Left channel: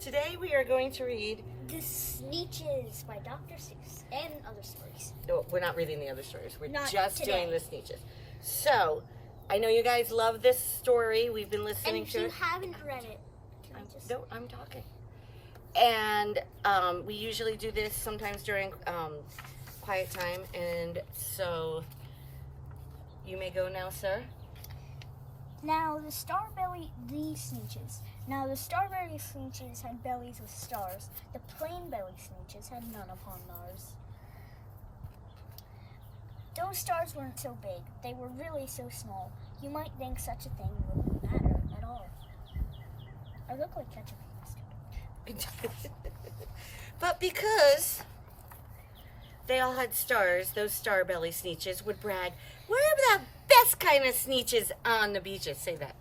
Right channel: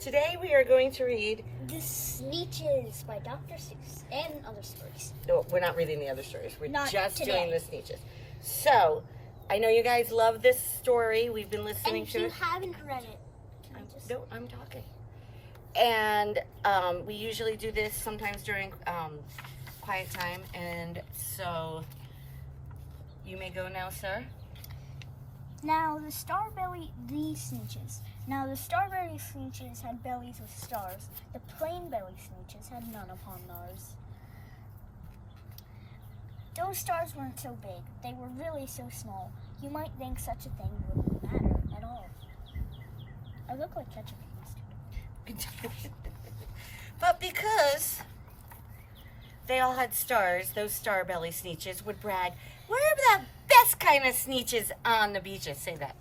Today we are going to read The Sneetches by Dr. Seuss and other stories. No, we're not reading the other stories. We're Not just today. doing the Sneetches. So, I know you guys love this story. We've been listening And if to you it. haven't read it, can you just... No, I'm talking. And we usually do this sometimes during quiet time. And so, you may go now, sir. Now the Sneetches. Now the Starbelly Sneetches had bellies with stars. The plain belly Sneetches had none upon theirs. Those stars weren't so big. They were really so small. You might think such a thing wouldn't matter at all. I look like ketchup and mustard. But because they all had stars, those Starbelly Sneetches would brag, "We're the best kind of Sneetches on the beaches." Say that.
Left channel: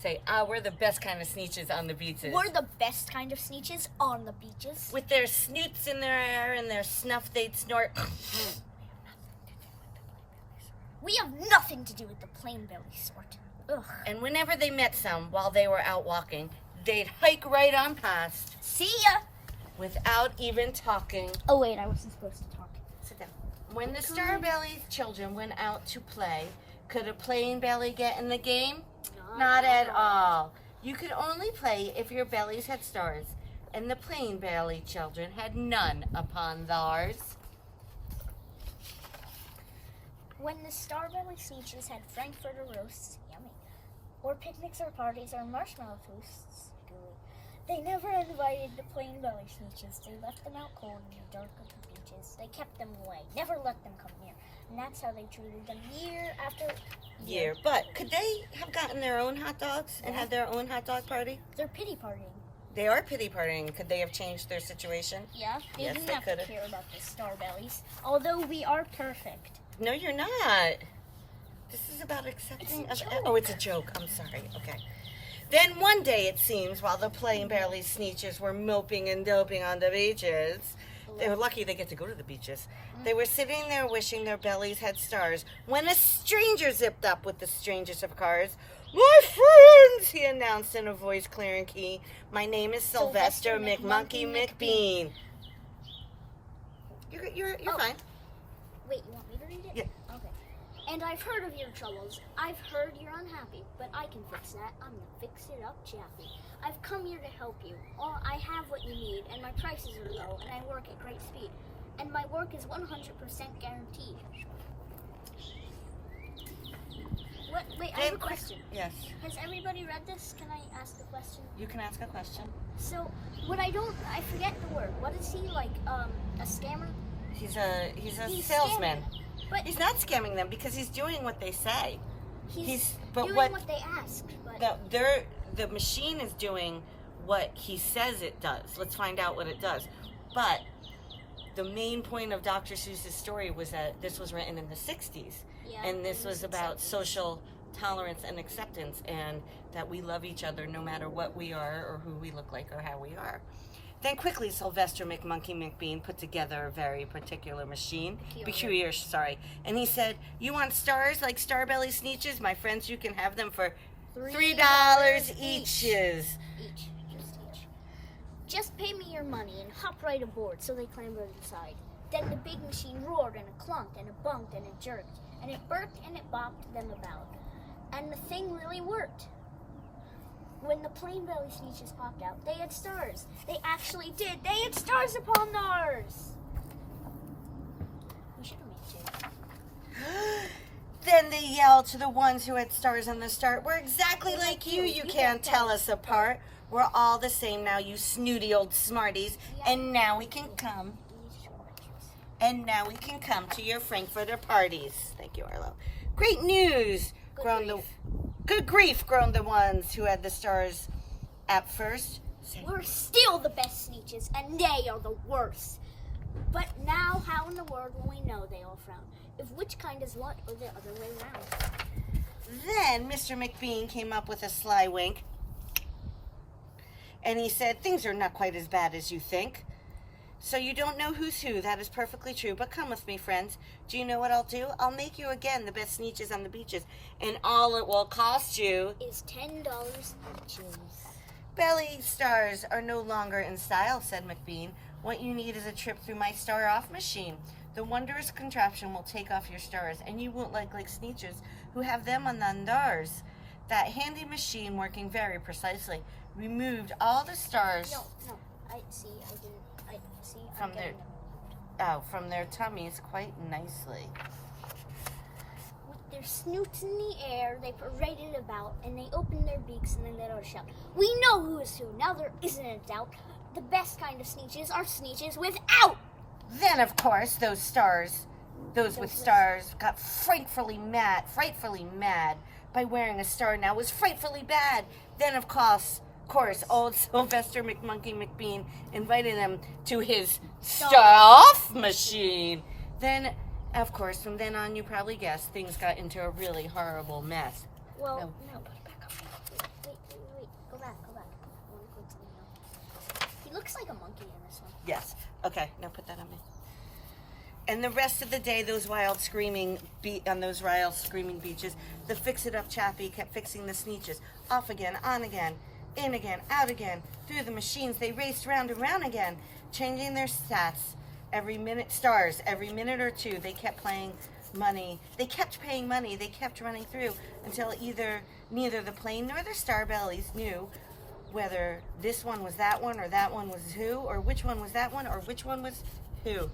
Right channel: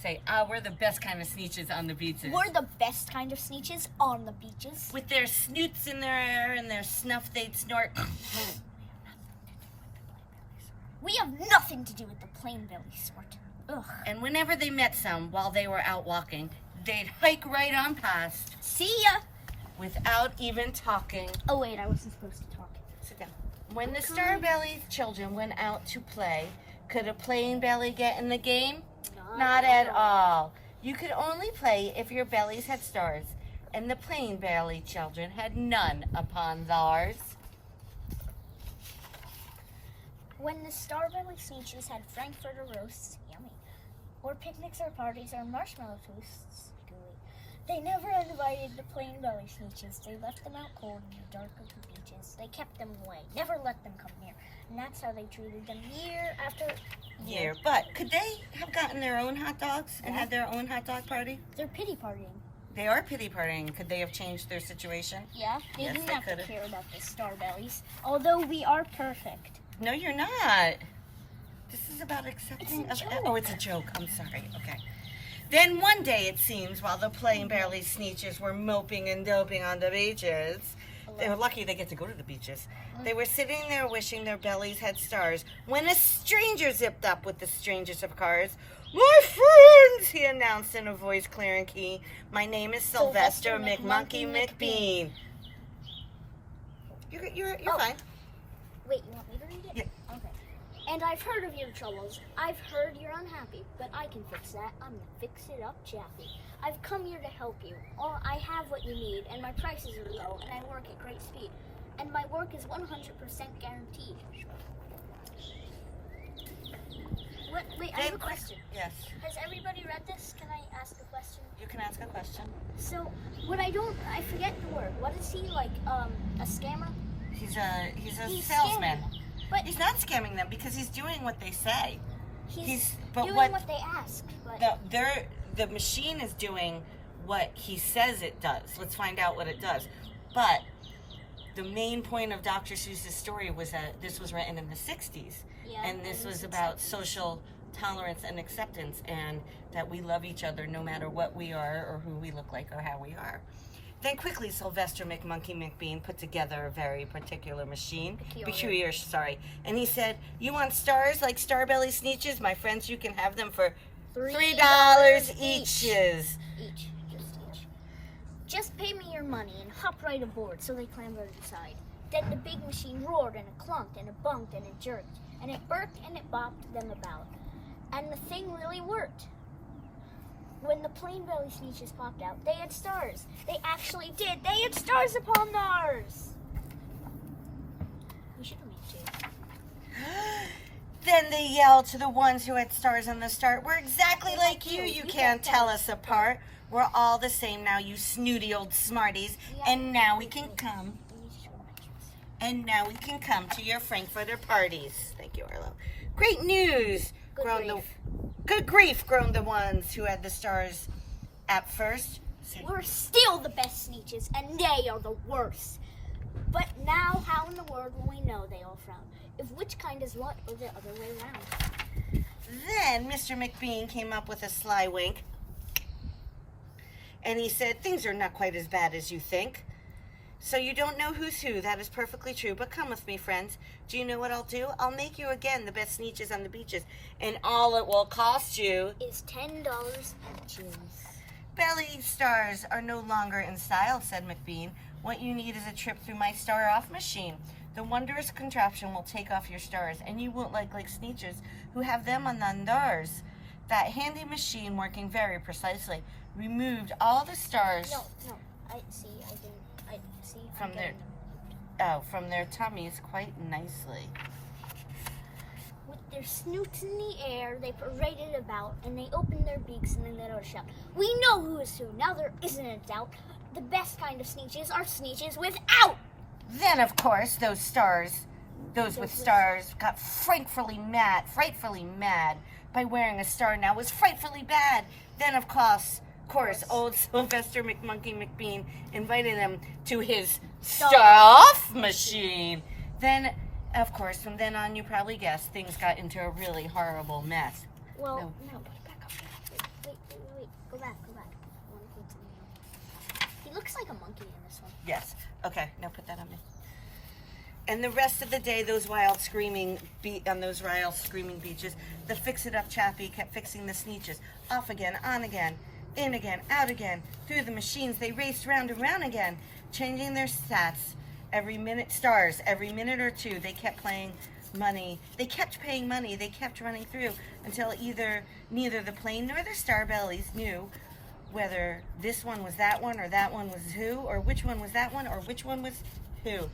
Say, we're the best kind of Sneetches on the beaches. We're the best kind of Sneetches on the beaches. With their snoots in their hair and their snuff they'd snort. We have nothing to do with the plain belly sort. Ugh. And whenever they met some while they were out walking, they'd hike right on past See ya! without even talking. Oh wait, I wasn't supposed to talk. Sit down. When the Starbelly children went out to play, could a plain belly get in the game? Not at all. You could only play if your bellies had stars, and the plain belly children had none upon theirs. When the Starbelly Sneetches had Frankfurter roasts, yummy, or picnics or parties or marshmallow toasts, gooey, they never invited the plain belly Sneetches. They left them out cold in the dark of the beaches. They kept them away, never let them come near, and that's how they treated them year after year. But could they have gotten their own hot dogs and had their own hot dog party? They're pity partying. They are pity partying. Could they have changed their situation? Yeah, they Yes, didn't they have to could've. care about the Starbellies, although we are perfect. No, you're not. This is about accepting. It's a joke. Oh, it's a joke. I'm sorry. Okay. Then one day, it seems, while the plain belly Sneetches were moping and doping on the beaches, they were lucky they get to go to the beaches. They were sitting there wishing their bellies had stars when a stranger zipped up with the strangest of cars. "My friends," he announced in a voice clear and keen, "my name is Sylvester McMonkey McBean." You're fine. Wait, you want me to read it? Yeah. Okay. And I've heard of your troubles. I've heard you're unhappy, but I can fix that. I'm the fix-it-up Chappie. I've come here to help you. I have what you need, and my prices are low, and I work at great speed. And my work is 100% guaranteed. Wait, I have a question. Yes. Has everybody read this? Can I ask a question? You can ask a question. So, I forget the word. What is he, like, a scammer? He's a He's salesman. scamming. But He's not scamming them because he's doing what they say. he's but doing what- what they ask. But The machine is doing what he says it does. Let's find out what it does. But the main point of Dr. Seuss's story was that this was written in the 60s. yeah, And this was about social tolerance and acceptance, and that we love each other no matter what we are or who we look like or how we are. Then quickly, Sylvester McMonkey McBean put together a very particular machine. Peculiar, sorry. And he said, "You want stars like Starbelly Sneetches? My friends, you can have them for $3 each." Each. Just pay me your money and hop right aboard. So they clambered inside. Then the big machine roared and it clunked and it bumped and it jerked. And it burped and it bopped them about. And the thing really worked. When the plain belly Sneetches popped out, they had stars. They actually did. They had stars upon theirs. We should have made sure. Then they yelled to the ones who had stars on the start, "We're exactly like you. You can't tell us apart. We're all the same now, you snooty old smarties. And now we can come. And now we can come to your Frankfurter parties." Thank you, Arlo. "Great news!" Good grief, groaned the ones who had the stars at first. We're still the best Sneetches, and they are the worst. But now, how in the world will we know? They all frown. If which kind is what, or the other way around? Then Mr. McBean came up with a sly wink, and he said, "Things are not quite as bad as you think. So you don't know who's who. That is perfectly true. But come with me, friends. Do you know what I'll do? I'll make you again the best Sneetches on the beaches. And all it will cost you is $10 each. Belly stars are no longer in style, said McBean. What you need is a trip through my star-off machine. The wondrous contraption will take off your stars, and you won't like Sneetches, who have them on theirs. That handy machine, working very precisely, removed all the stars No. I see. from from their tummies quite nicely. With their snoots in the air, they paraded about, and they opened their beaks and then they let shout, "We know who is who! Now there isn't a doubt. The best kind of Sneetches are Sneetches without!" Then, of course, those with stars, got frightfully mad by wearing a star now was frightfully bad. Then, of course, old Sylvester McMonkey McBean invited them to his star-off machine. Then, of course, from then on, you probably guessed, things got into a really horrible mess. Well, no, put it back up. Wait. Go back. I want to point something out. He looks like a monkey in this one. Yes. Okay, now put that on me. And the rest of the day, those wild screaming beaches, the fix-it-up chappie kept fixing the Sneetches. Off again, on again, in again, out again. Through the machines, they raced round and round again, changing their stats every minute or two. They kept paying money. They kept running through until neither the plane nor the star bellies knew whether this one was that one or that one was who, or which one was that one or which one was who.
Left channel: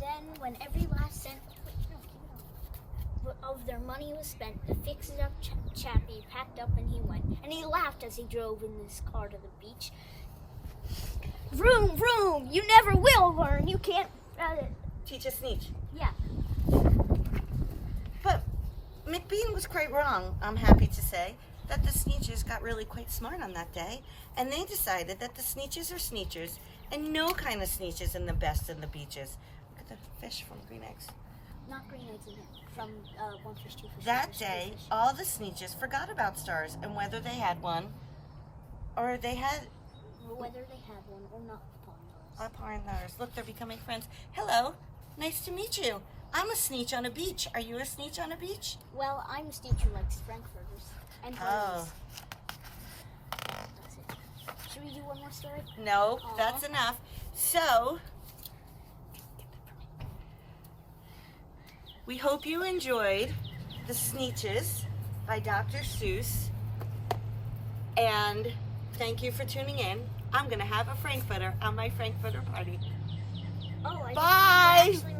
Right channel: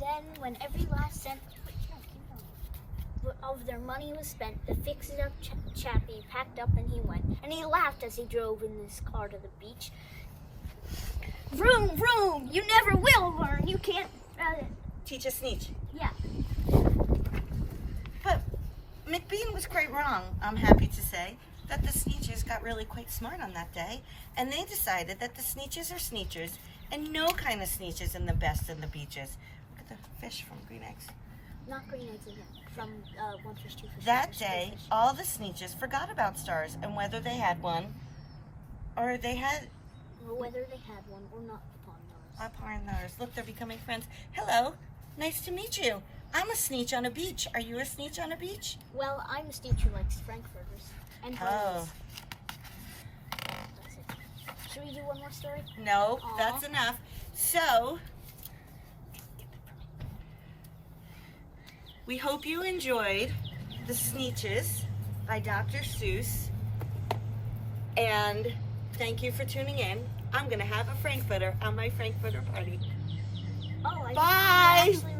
Then, when every last cent of their money was spent, the fix-it-up chappie packed up and he went. And he laughed as he drove in his car to the beach. "Vroom, vroom! You never will learn. You can't Teach a Sneetch. Yeah. But McBean was quite wrong, I'm happy to say, that the Sneetches got really quite smart on that day, and they decided that the Sneetches are Sneetches, and no kind of Sneetches in the best in the beaches. Look at the fish from Green Eggs. Not Green Eggs again. From One Fish, Two Fish. That day, all the Sneetches forgot about stars, and whether they had one, or whether they had one or not upon theirs. Look, they're becoming friends. Hello, nice to meet you. I'm a Sneetch on a beach. Are you a Sneetch on a beach? Well, I'm a Sneetch who likes frankfurters and bunnies. Oh. That's it. Should we do one more story? No, that's enough. So, we hope you enjoyed The Sneetches by Dr. Seuss. And thank you for tuning in. I'm going to have a frankfurter on my frankfurter party. Oh, Bye! actually